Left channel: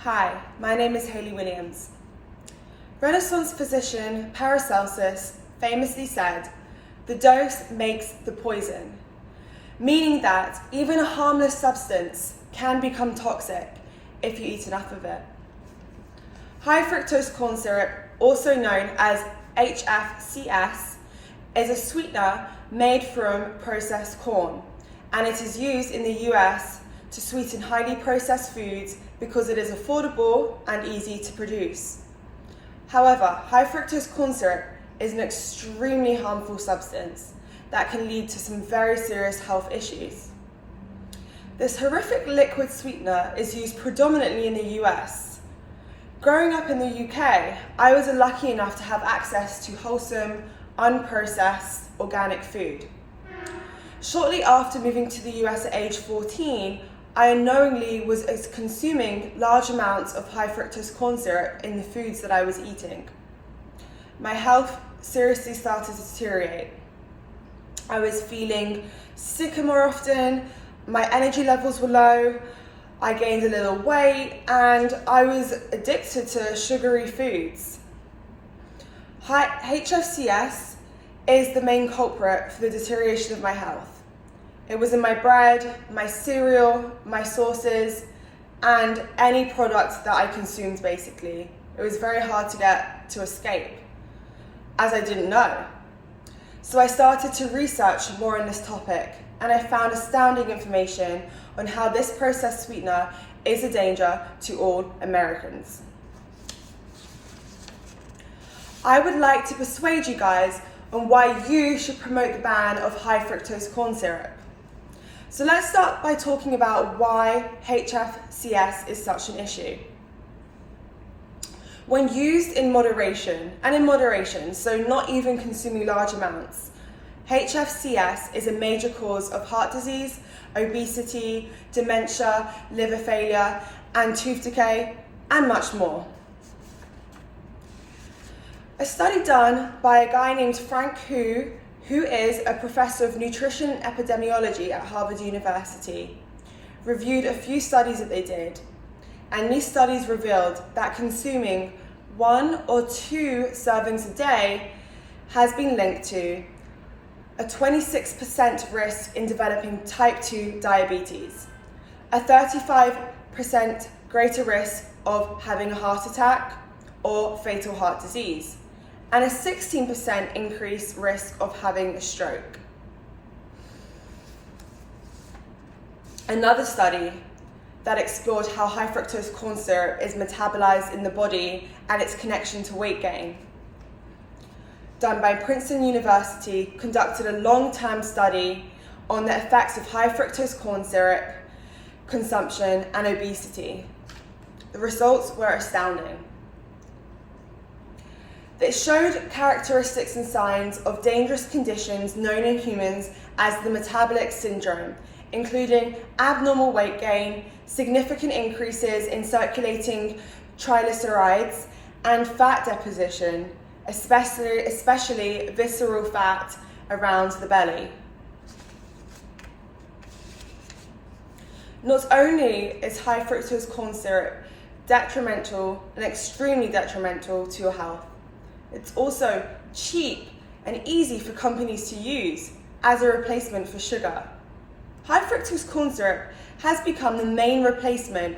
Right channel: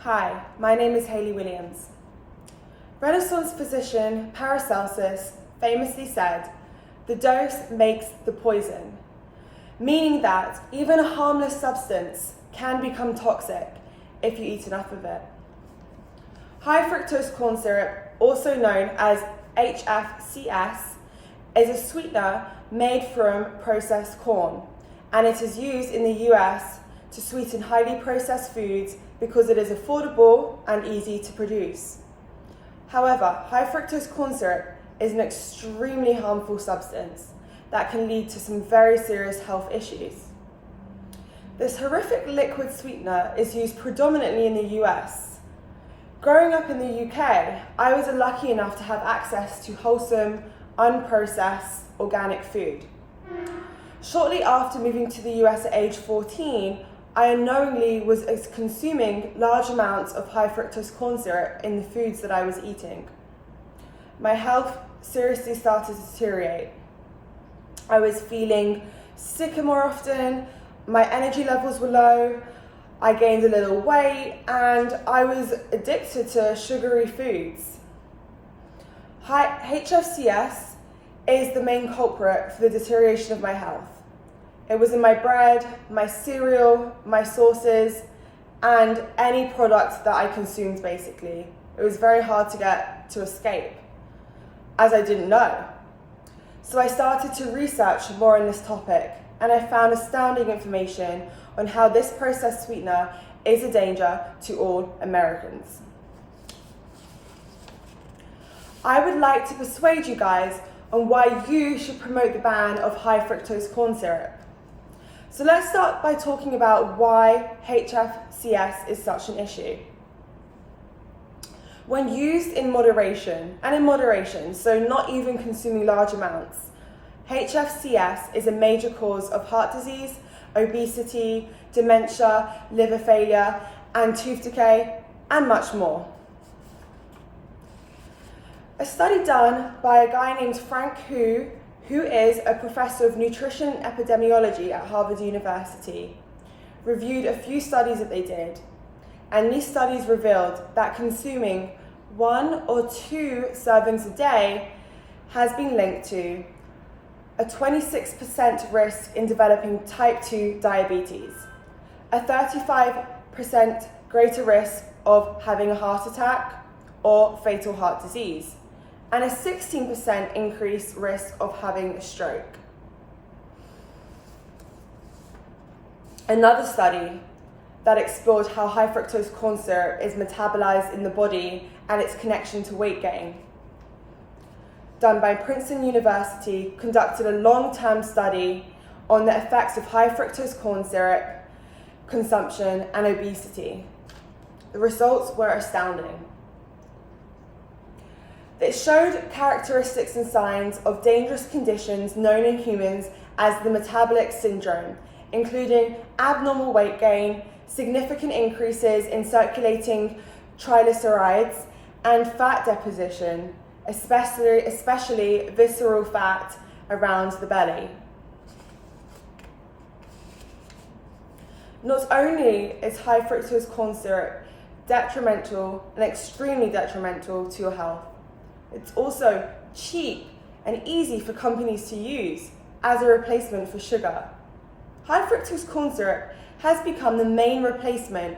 Hi, my name is Hayley Williams. Renaissance physician Paracelsus famously said, "The dose makes the poison," meaning that even a harmless substance can become toxic if you eat enough of it. High fructose corn syrup, also known as HFCS, is a sweetener made from processed corn, and it is used in the US to sweeten highly processed foods because it is affordable and easy to produce. However, high fructose corn syrup is an extremely harmful substance that can lead to some very serious health issues. This horrific liquid sweetener is used predominantly in the US. Growing up in the UK, I was lucky enough to have access to wholesome, unprocessed organic food. Shortly after moving to the US at age 14, I unknowingly was consuming large amounts of high fructose corn syrup in the foods that I was eating. My health seriously started to deteriorate. I was feeling sicker more often, my energy levels were low, I gained a little weight, and I was addicted to sugary foods. HFCS is the main culprit for the deterioration of my health. It was in my bread, my cereal, my sauces, and any product that I consumed, basically. It was very hard to get to escape, as I didn't know. So I started to research more on this topic, and I found astounding information on how this processed sweetener is a danger to all Americans. I would like to persuade you guys on why you should promote the ban of high fructose corn syrup. So let's start by talking about why HFCS is such an issue. When used in moderation, so not even consuming large amounts, HFCS is a major cause of heart disease, obesity, dementia, liver failure, and tooth decay, and much more. A study done by a guy named Frank Hu is a professor of nutrition and epidemiology at Harvard University, reviewed a few studies that they did, and these studies revealed that consuming 1 or 2 servings a day has been linked to a 26% risk in developing type 2 diabetes, a 35% greater risk of having a heart attack or fatal heart disease, and a 16% increased risk of having a stroke. Another study that explored how high fructose corn syrup is metabolized in the body and its connection to weight gain, done by Princeton University, conducted a long-term study on the effects of high fructose corn syrup consumption and obesity. The results were astounding. It showed characteristics and signs of dangerous conditions known in humans as the metabolic syndrome, including abnormal weight gain, significant increases in circulating triglycerides, and fat deposition, especially visceral fat around the belly. Not only is high fructose corn syrup detrimental and extremely detrimental to your health, it's also cheap and easy for companies to use as a replacement for sugar. High fructose corn syrup has become the main replacement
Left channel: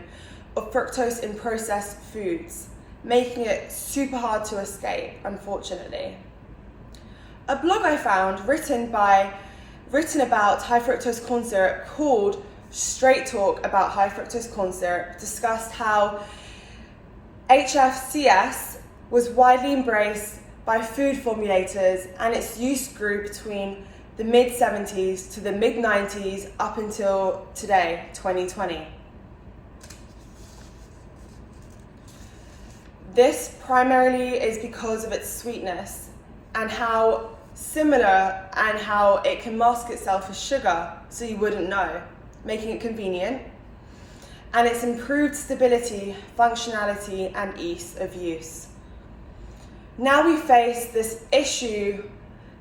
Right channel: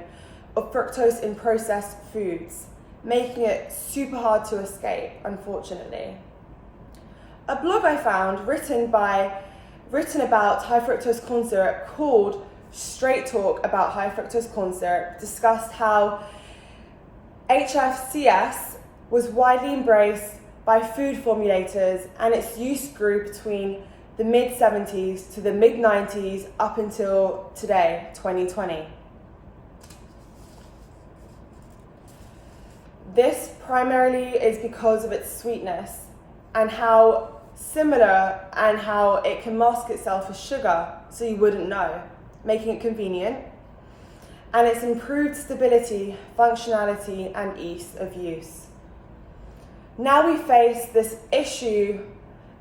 of fructose in processed foods, making it super hard to escape, unfortunately. A blog I found written about high fructose corn syrup called Straight Talk About High Fructose Corn Syrup discussed how HFCS was widely embraced by food formulators, and its use grew between the mid-70s to the mid-90s up until today, 2020. This primarily is because of its sweetness and how similar and how it can mask itself as sugar so you wouldn't know, making it convenient, and its improved stability, functionality, and ease of use. Now we face this issue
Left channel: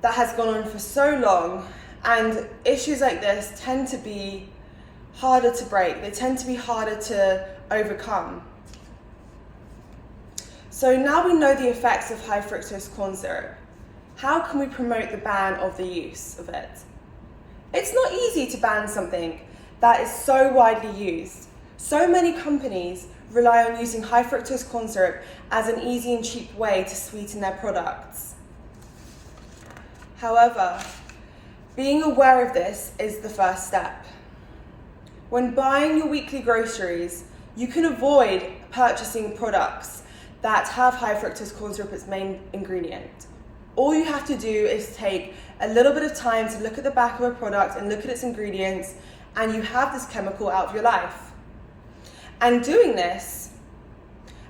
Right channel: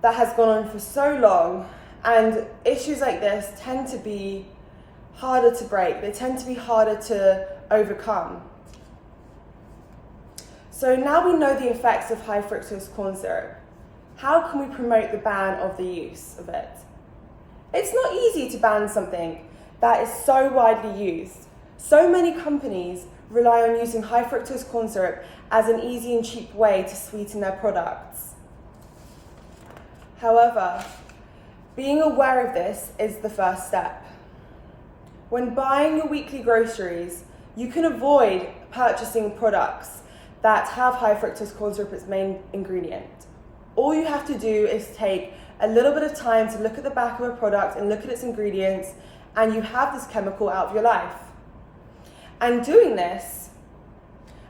that has gone on for so long, and issues like this tend to be harder to break. They tend to be harder to overcome. So now we know the effects of high fructose corn syrup. How can we promote the ban of the use of it? It's not easy to ban something that is so widely used. So many companies rely on using high fructose corn syrup as an easy and cheap way to sweeten their products. However, being aware of this is the first step. When buying your weekly groceries, you can avoid purchasing products that have high fructose corn syrup as main ingredient. All you have to do is take a little bit of time to look at the back of a product and look at its ingredients, and you have this chemical out of your life. And doing this,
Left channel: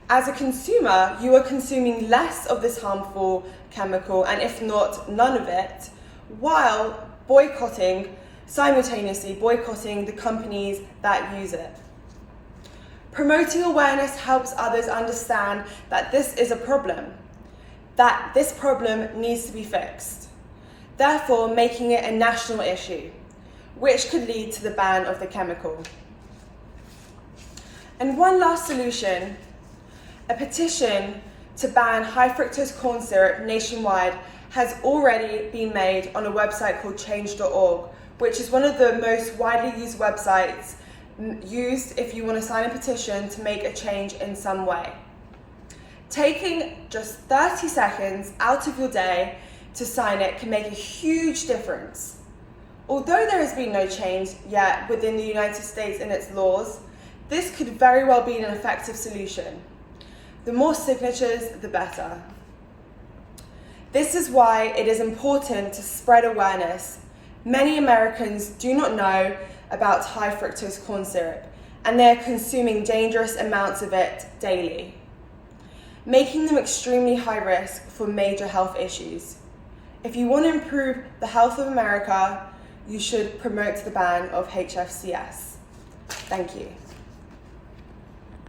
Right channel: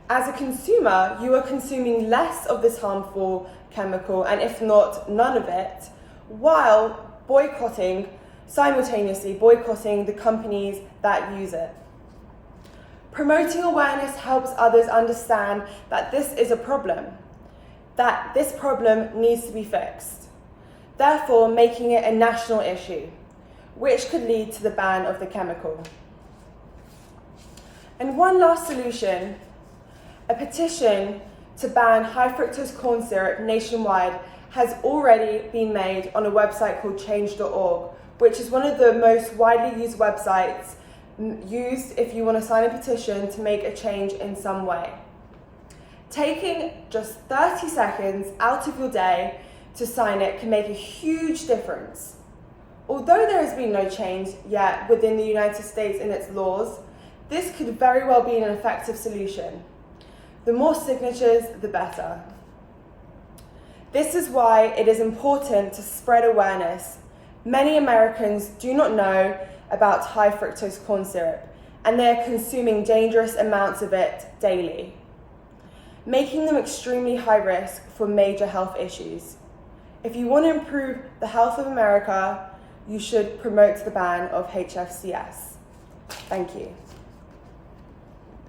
as a consumer, you are consuming less of this harmful chemical, and if not, none of it, while simultaneously boycotting the companies that use it. Promoting awareness helps others understand that this is a problem, that this problem needs to be fixed, therefore making it a national issue, which could lead to the ban of the chemical. And one last solution, a petition to ban high fructose corn syrup nationwide has already been made on a website called change.org, which is one of the most widely used websites used if you want to sign a petition to make a change in some way. Taking just 30 seconds out of your day to sign it can make a huge difference. Although there has been no change yet within the United States in its laws, this could very well be an effective solution. The more signatures, the better. This is why it is important to spread awareness. Many Americans do not know about high fructose corn syrup, and they are consuming dangerous amounts of it daily, making them extremely high risk for major health issues. If you want to improve the health of America, you should promote the ban of HFCS. Thank you.